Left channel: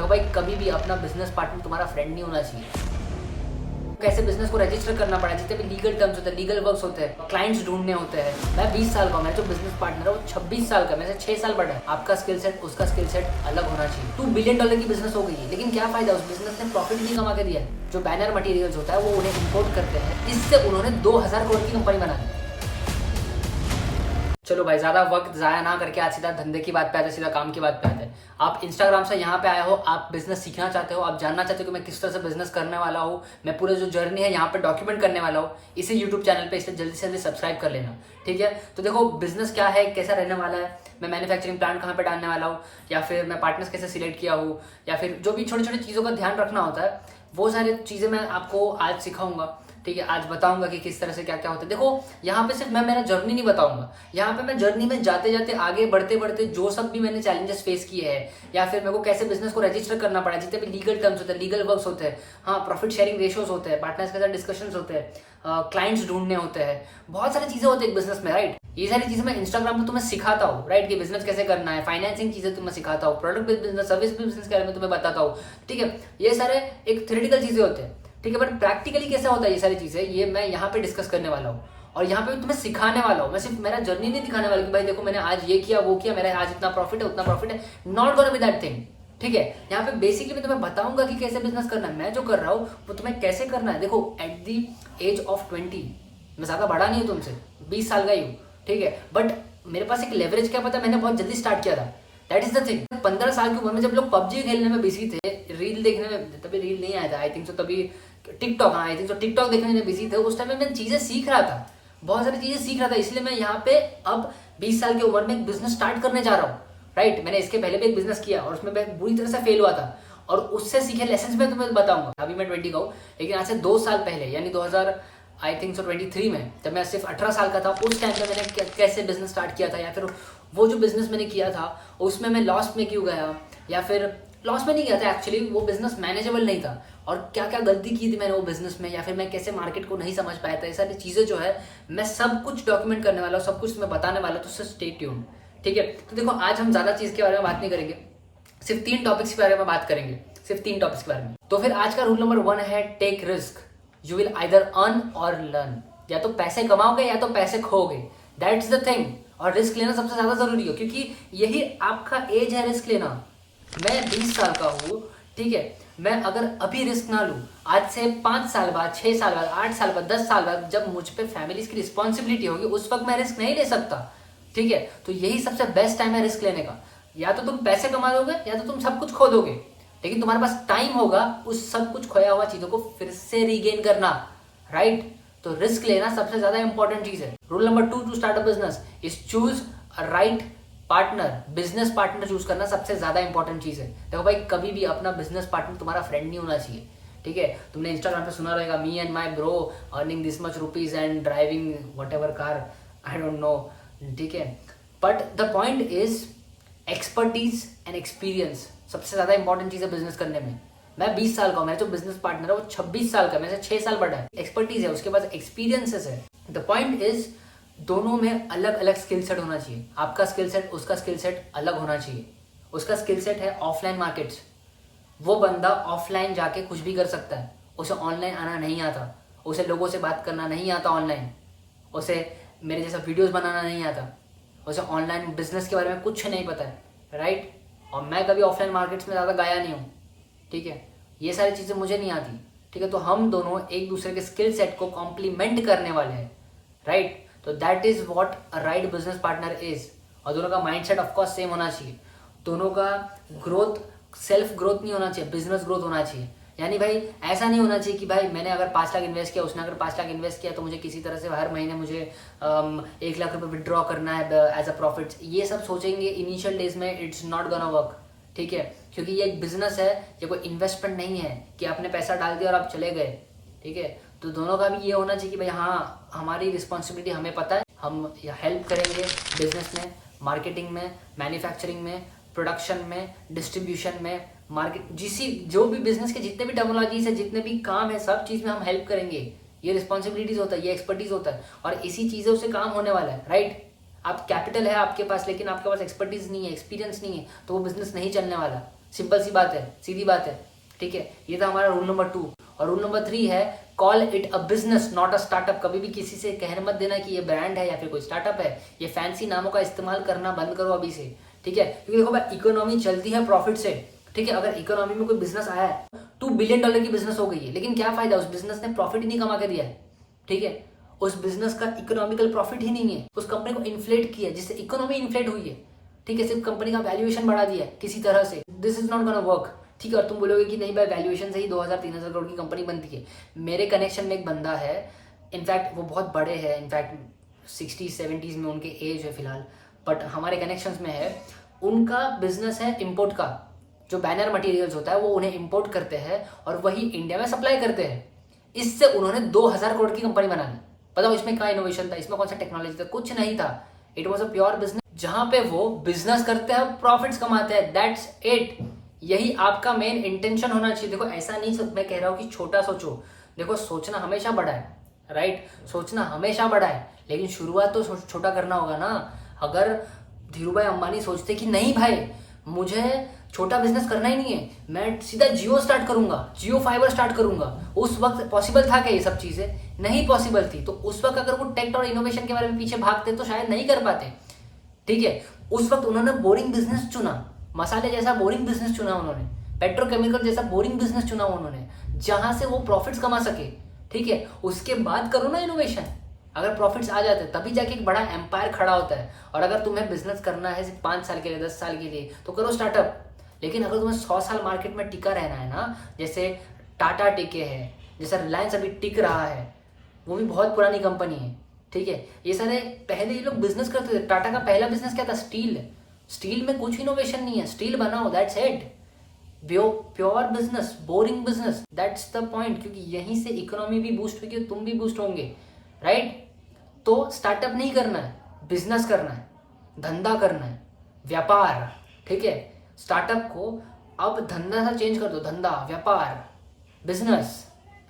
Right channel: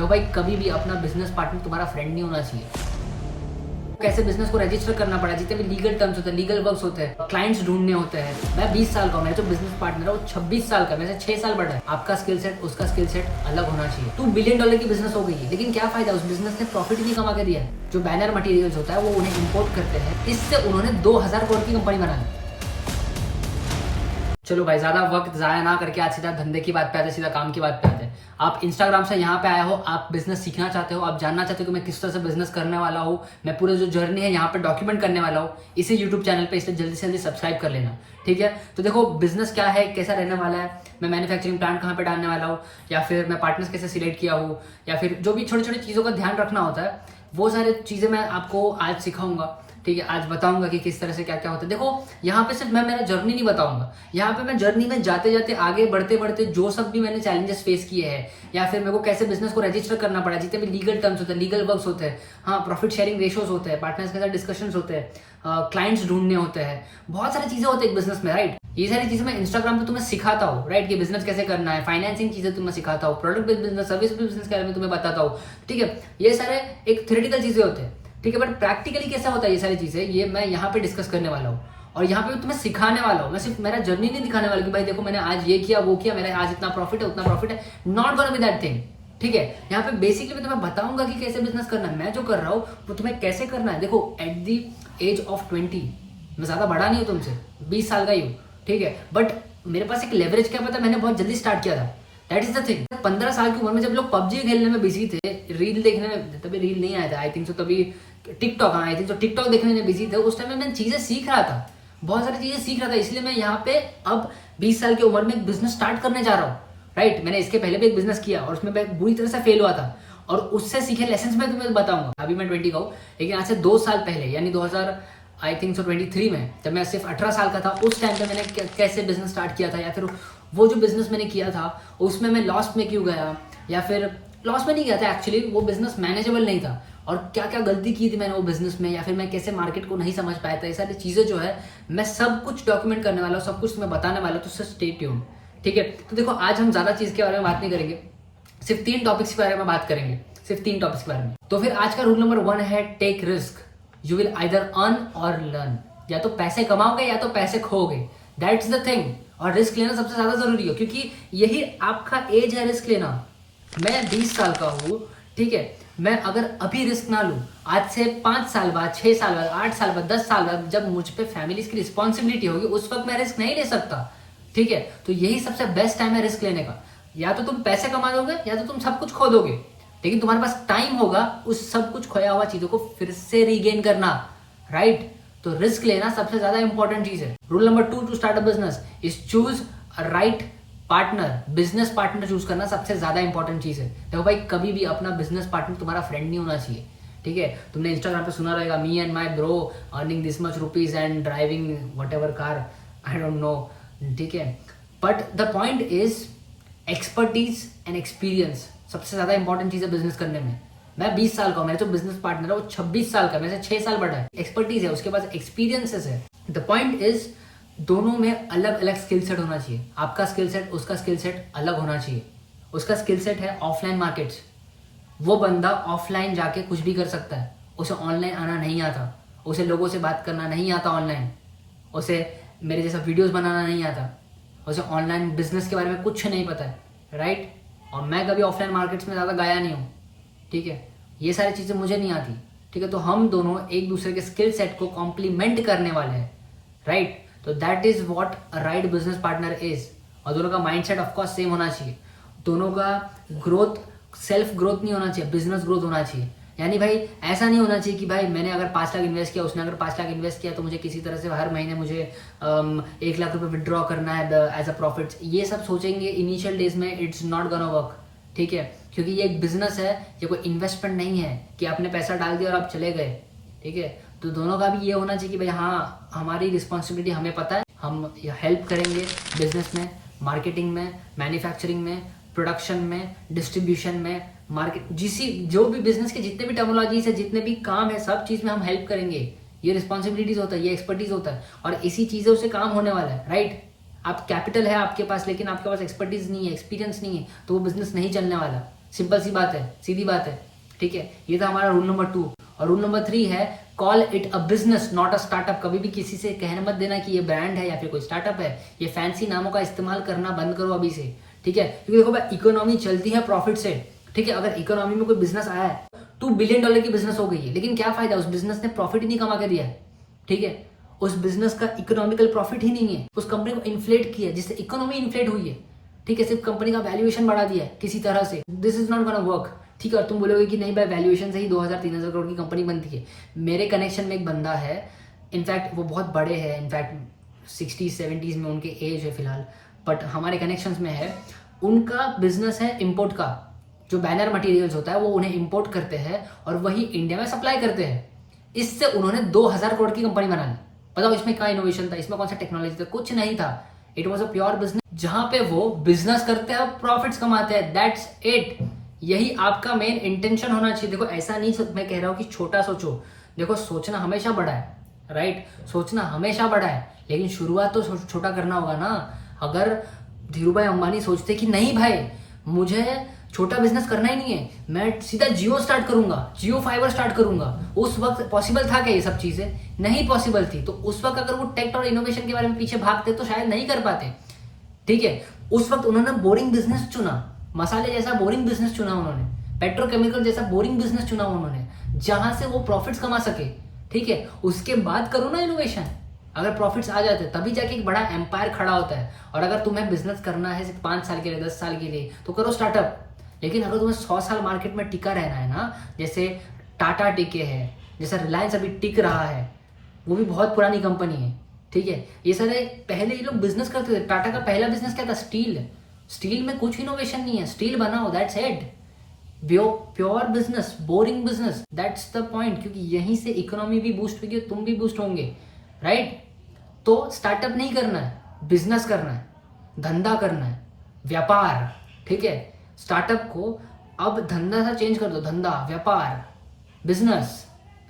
देखो भाई, कभी भी अपना बिजनेस पार्टनर तुम्हारा फ्रेंड नहीं होना चाहिए। कैसे बिजनेस को रजिस्टर करना पड़ा, जितने भी लीगल टर्म्स होते हैं, लीगल वर्क्स होते हैं, क्लाइंट्स ढूंढने होते हैं। मैं 20 साल का हूं, मेरा जो बिजनेस पार्टनर है वो 26 साल का, मेरे से 6 साल बड़ा है। आपका स्किल सेट उसका स्किल सेट अलग होना चाहिए। $2 बिलियन की बिजनेस हो गई है, लेकिन क्या फायदा, उस बिजनेस ने प्रॉफिट नहीं कमा के दिया है। जो बैनर मटेरियल्स होता है वो उन्हें इम्पोर्ट करते हैं, इससे उन्होंने 2000 करोड़ की कंपनी बना दी। चलो भाई, ज्यादा वक्त जाया ना करके आज सीधा धंधे की बात पे आते हैं, सीधा काम की बात पे आते हैं। आप इंस्टाग्राम से यहाँ पे आए हो, आप बिजनेस सीखना चाहते हो, आप जानना चाहते हो कि मैं किस तरह से बिजनेस करने वाला हूँ, मैं पूरे जो जर्नी है यहाँ पे डॉक्यूमेंट करने वाला हूँ इसी यूट्यूब चैनल पे, इसलिए जल्दी से जल्दी सब्सक्राइब कर लेना, ठीक है। तो देखो, बिजनेस क्या है, कैसा रहने वाला है, मैं मैन्युफैक्चरिंग प्लांट कहाँ पे डालने वाला हूँ, या फिर मैं पार्टनर्स कैसे सिलेक्ट किया हूँ, या फिर जो भी छोटी छोटी चीज़ों का ध्यान रखना होता है, वो सारी चीज़ें मैं आपको आज सिखाऊंगा, ठीक है। आज बताऊंगा कि किस तरह से क्या क्या होता है। देखो, यहाँ पे सिर्फ मैं मेरा जर्नी नहीं बताऊंगा, यहाँ पे मैं जर्नी में जाते जाते आगे बढ़ते बढ़ते जो सब भी मैंने चैलेंजेस फेस किए हैं, या फिर मेरे को कैसे बिजनेस को रजिस्टर करना पड़ा, जितने भी लीगल टर्म्स होते हैं, लीगल वर्क्स होते हैं, हाँ, प्रॉफिट शेयरिंग रेशियोज होते हैं, पार्टनर्स के साथ डिस्कशंस होते हैं, क्लाइंट्स ढूंढने होते हैं, बहुत सारी चीजें होती है एक बिजनेस में, राइट। ये सारी चीजें मैं इंस्टाग्राम पे तुम्हें सिखाता हूँ, राइट, कि बिजनेस कैसे करना है, फाइनेंसिंग चीजें तुम्हें सिखाता हूँ, product based business, service based business के बारे में तुम्हें बताता हूँ, ठीक है। ये सारे एक थ्योरेटिकल चीजें होते हैं, ठीक है, बट प्रैक्टिकली कैसा होता है ये सारी चीजें, ये मैं यहाँ पे डिस्कस करने वाला हूँ, और यहाँ पे तुम्हें सिखाने वाला हूँ। मैं सिर्फ मेरा जर्नी नहीं दिखाने वाला कि भाई देखो मैंने आज ये किया वो किया, मेरा आज इतना प्रॉफिट है उतना प्रॉफिट है, not gonna be that thing, ठीक है। यहाँ पे बेसिकली मैं तुम्हें बताऊंगा कि कैसे बिजनेस करना है, मैं जो कर रहा हूँ वो तुम्हें कैसे करना है। देखो, एट दी एज ऑफ 20, मैं ज्यादा बड़ा नहीं हूँ तुमसे, 20 साल का ही हूँ, ठीक है, बट मेरे पास एक लेवरेज क्या पता, मैंने बहुत जल्दी स्टार्ट किया था, दैट इज द थिंग। 15 साल की उम्र में जब लोग पबजी खेलने में बिजी थे, रील देखने में, तभी रील नहीं आया था आई थिंक सो, तभी टिकटॉक, हाँ आई थिंक सो टिकटॉक देखने में बिजी थे, उस टाइम में मैं चीजें सीख रहा था, बहुत सारी चीजें सीख रहा था, इसलिए मैं यहाँ पे अब 20 साल की उम्र में एक बिजनेस स्टार्ट करने जा रहा हूँ, राइट। मैंने इसके पहले भी एक बिजनेस किया और उसमें मैं बुरी तरह से फेल हुआ था, और उससे सीखे लेसन मैं तुम्हें बताऊंगा। अभी मैं 20 का हूँ, लेकिन आज से 2 साल पहले यानी 2000 आई थिंक सो 23 में, जब मैं सिर्फ 18 साल का था, उस टाइम पे मैंने कैसे बिजनेस स्टार्ट किया था, या फिर वो जो बिजनेस मैंने किया था उसमें मैं लॉस में क्यों गया, या फिर लॉस में नहीं गया था, एक्चुअली वो बिजनेस मैनेजेबल नहीं था, और क्या क्या गलती की थी मैंने वो बिजनेस में, या फिर मैं कैसे मार्केट को नहीं समझ पाया था, ये सारी चीजें जो है मैं सब कुछ डॉक्यूमेंट करने वाला हूँ, सब कुछ मैं बताने वाला हूँ, तो स्टे ट्यून्ड, ठीक है। तो देखो, आज हम ज्यादा चीज के बारे में बात नहीं करेंगे, सिर्फ 3 टॉपिक्स के बारे में बात करेंगे, सिर्फ 3 टॉपिक्स के बारे में। तो फिर आज का रूल नंबर 1 है take risk, you will either earn और लर्न, या तो पैसे कमाओगे या तो पैसे खोगे, दैट्स द थिंग। और रिस्क लेना सबसे ज्यादा जरूरी है, क्योंकि यही आपका एज है रिस्क लेना। मैं 20 साल का हूँ, ठीक है, मैं अगर अभी रिस्क ना लूं, आज से 5 साल बाद, 6 साल बाद, 8 साल बाद, 10 साल बाद, जब मुझ पे फैमिली की रिस्पॉन्सिबिलिटी होगी, उस वक्त मैं रिस्क नहीं ले सकता, ठीक है। तो यही सबसे बेस्ट टाइम है रिस्क लेने का। या तो तुम पैसे कमा दोगे या तो तुम सब कुछ खो दोगे, लेकिन तुम्हारे पास टाइम होगा उस सब कुछ खोया हुआ चीजों को फिर से रीगेन करना, राइट। तो रिस्क लेना सबसे ज्यादा इंपॉर्टेंट चीज है। Rule number 2 to start a business is choose a right partner, business partner choose करना सबसे ज्यादा इंपॉर्टेंट चीज है। देखो भाई, कभी भी अपना बिजनेस पार्टनर तुम्हारा फ्रेंड नहीं होना चाहिए, ठीक है। तुमने इंस्टाग्राम पे सुना रहेगा, me and my bro earning this much rupees and driving what ever car, I don't know, ठीक है। But the point is expertise and experience सबसे ज्यादा इंपॉर्टेंट चीज है बिजनेस करने में। मैं 20 साल का हूं, मेरा जो बिजनेस पार्टनर है वो 26 साल का, मेरे से 6 साल बड़ा है। एक्सपर्टीज है, उसके पास एक्सपीरियंसेस है। द पॉइंट इज दोनों में अलग अलग स्किल सेट होना चाहिए। आपका स्किल सेट उसका स्किल सेट अलग होना चाहिए। उसका स्किल सेट है ऑफलाइन मार्केट्स, वो बंदा ऑफलाइन जाके कुछ भी कर सकता है, उसे ऑनलाइन आना नहीं आता, उसे लोगों से बात करना नहीं आता ऑनलाइन, उसे मेरे जैसा वीडियोस बनाना नहीं आता, उसे ऑनलाइन बिजनेस के बारे में कुछ नहीं पता है, राइट। और मैं कभी ऑफलाइन मार्केट्स में ज़्यादा गया नहीं हूँ, ठीक है, ये सारी चीज़ें मुझे नहीं आती, ठीक है। तो हम दोनों एक दूसरे के स्किल सेट को कॉम्प्लीमेंट करने वाले हैं, राइट। तो that is what a right business partner is. और दोनों का माइंडसेट ऑफकोर्स सेम होना चाहिए, दोनों का ग्रोथ सेल्फ ग्रोथ नहीं होना चाहिए, बिजनेस ग्रोथ होना चाहिए। यानी भाई ऐसा नहीं होना चाहिए कि भाई मैंने अगर 5 लाख इन्वेस्ट किया, उसने अगर 5 लाख इन्वेस्ट किया, तो मुझे किसी तरह से हर महीने मुझे 1 लाख रुपए विड्रॉ करना है एज अ प्रॉफिट। ये सब सोचेंगे इनिशियल डेज में, इट्स नॉट गोना वर्क, ठीक है, क्योंकि ये एक बिजनेस है, ये कोई इन्वेस्टमेंट नहीं है कि आपने पैसा डाल दिया और आप चले गए, ठीक है। तो दोनों का भी ये होना चाहिए कि भाई हाँ, हमारी रिस्पॉन्सिबिलिटी हमें पता है, हम हेल्प करेंगे बिजनेस में, मार्केटिंग में, मैन्युफैक्चरिंग में, प्रोडक्शन में, डिस्ट्रीब्यूशन में, मार्केट, जो भी बिजनेस के जितने भी टेक्नोलॉजीज है, जितने भी काम है, सब चीज में हम हेल्प करेंगे। ये रिस्पॉन्सिबिलिटीज होता है, ये एक्सपर्टीज होता है, और इसी चीजों से काम होने वाला है, राइट। आप कैपिटल है आपके पास, लेकिन आपके पास एक्सपर्टीज नहीं है, एक्सपीरियंस नहीं है, तो वो बिजनेस नहीं चलने वाला, सिंपल सी बात है, सीधी बात है, ठीक है। ये था हमारा रूल नंबर 2। और रूल नंबर 3 है call it a business not a startup. कभी भी किसी से कहने मत देना कि ये ब्रांड है या फिर कोई स्टार्टअप है। ये फैंसी नामों का इस्तेमाल करना बंद करो अभी से, ठीक है। क्योंकि देखो भाई, इकोनॉमी चलती है प्रॉफिट से, ठीक है। अगर इकोनॉमी में कोई बिजनेस आया है, $2 बिलियन की बिजनेस हो गई है, लेकिन क्या फायदा, उस बिजनेस ने प्रॉफिट ही नहीं कमा के दिया है, ठीक है। उस बिजनेस का इकोनॉमिकल प्रॉफिट ही नहीं है, उस कंपनी को इन्फ्लेट किया जिससे इकोनॉमी इन्फ्लेट हुई है, ठीक है। सिर्फ कंपनी का वैल्यूएशन बढ़ा दिया है किसी तरह से, this is not gonna work, ठीक है। और तुम बोलोगे कि नहीं भाई, वैल्यूएशन से ही 2000-3000 करोड़ की कंपनी बनती है। मेरे कनेक्शन में एक बंदा है, इनफैक्ट वो बहुत बड़े हैं, इनफैक्ट 60-70s में उनके एज है फिलहाल, बट हमारे कनेक्शंस में है। उनका बिजनेस है इंपोर्ट का, जो बैनर मटेरियल्स होता है वो उन्हें इंपोर्ट करते हैं और वही इंडिया में सप्लाई करते हैं। इससे उन्होंने 2000 करोड़ की कंपनी बना ली। बताओ इसमें क्या इनोवेशन था, इसमें कौन सा टेक्नोलॉजी था, कुछ नहीं था। It was a pure business, जहां पे वो बिजनेस करते हैं और प्रॉफिट्स कमाते हैं, दैट्स इट। यही आपका मेन इंटेंशन होना चाहिए। देखो ऐसा नहीं मैं कह रहा हूं कि छोटा सोचो, देखो सोचना हमेशा बड़ा है, राइट, सोचना हमेशा बड़ा है, लेकिन शुरुआत तो छोटा करना होगा ना। अगर धीरूभाई अंबानी सोचते कि नहीं भाई, मुझे छोटा बिजनेस करना ही नहीं है, मैं सीधा जियो स्टार्ट करूंगा, जियो फाइबर स्टार्ट करूंगा, उस वक्त पॉसिबल था क्या ये सब चीजें? नहीं पॉसिबल थी। तो उस वक्त अगर वो टेक और इनोवेशन के बारे में पीछे भागते तो शायद नहीं कर पाते, ठीक है। उस वक्त उन्होंने बोरिंग बिजनेस चुना, मसाले जैसा बोरिंग बिजनेस चुना उन्होंने, पेट्रोकेमिकल जैसा बोरिंग बिजनेस चुना उन्होंने, जहां से वो प्रॉफिट्स कमा सके, ठीक है। उसके बाद करो ना इनोवेशन। अगर प्रॉफिट्स आ जाते तभी जाके एक बड़ा एम्पायर खड़ा होता है। और अगर तुम्हें बिजनेस करना है सिर्फ 5 साल के लिए, 10 साल के लिए, तो करो स्टार्टअप। लेकिन अगर तुम्हें 100 साल मार्केट में टिका रहना है ना, जैसे टाटा टिके है, जैसा रिलायंस अभी टिक रहा है, वो भी बहुत पुरानी कंपनी है, ठीक है। ये सारे पहले ये लोग बिजनेस करते थे। टाटा का पहला बिजनेस क्या था? स्टील। स्टील में कुछ इनोवेशन नहीं है, स्टील बनाओ, that's it. Pure business, boring business, that's the point. क्योंकि यहीं से इकोनॉमी भी बूस्ट होगी और तुम भी बूस्ट होंगे, राइट। तो स्टार्टअप नहीं करना है, बिजनेस करना है, धंधा करना है, व्यापार, ठीक है। स्टार्टअप को अब धंधा सा चेंज कर दो, धंधा, व्यापार, बिजनेस,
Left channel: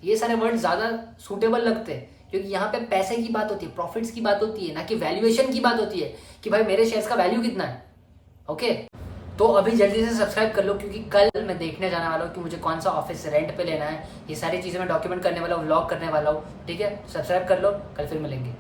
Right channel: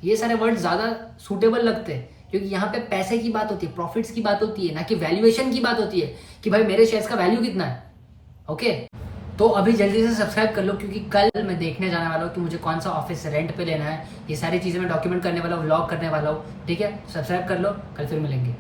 ये सारे वर्ड ज्यादा सूटेबल लगते हैं, क्योंकि यहाँ पे पैसे की बात होती है, प्रॉफिट्स की बात होती है, ना कि वैल्यूएशन की बात होती है कि भाई मेरे शेयर्स का वैल्यू कितना है, ओके। तो अभी जल्दी से सब्सक्राइब कर लो, क्योंकि कल मैं देखने जाने वाला हूँ कि मुझे कौन सा ऑफिस रेंट पे लेना है। ये सारी चीजें मैं डॉक्यूमेंट करने वाला हूँ, व्लॉग करने वाला हूँ, ठीक है। सब्सक्राइब कर लो, कल फिर मिलेंगे।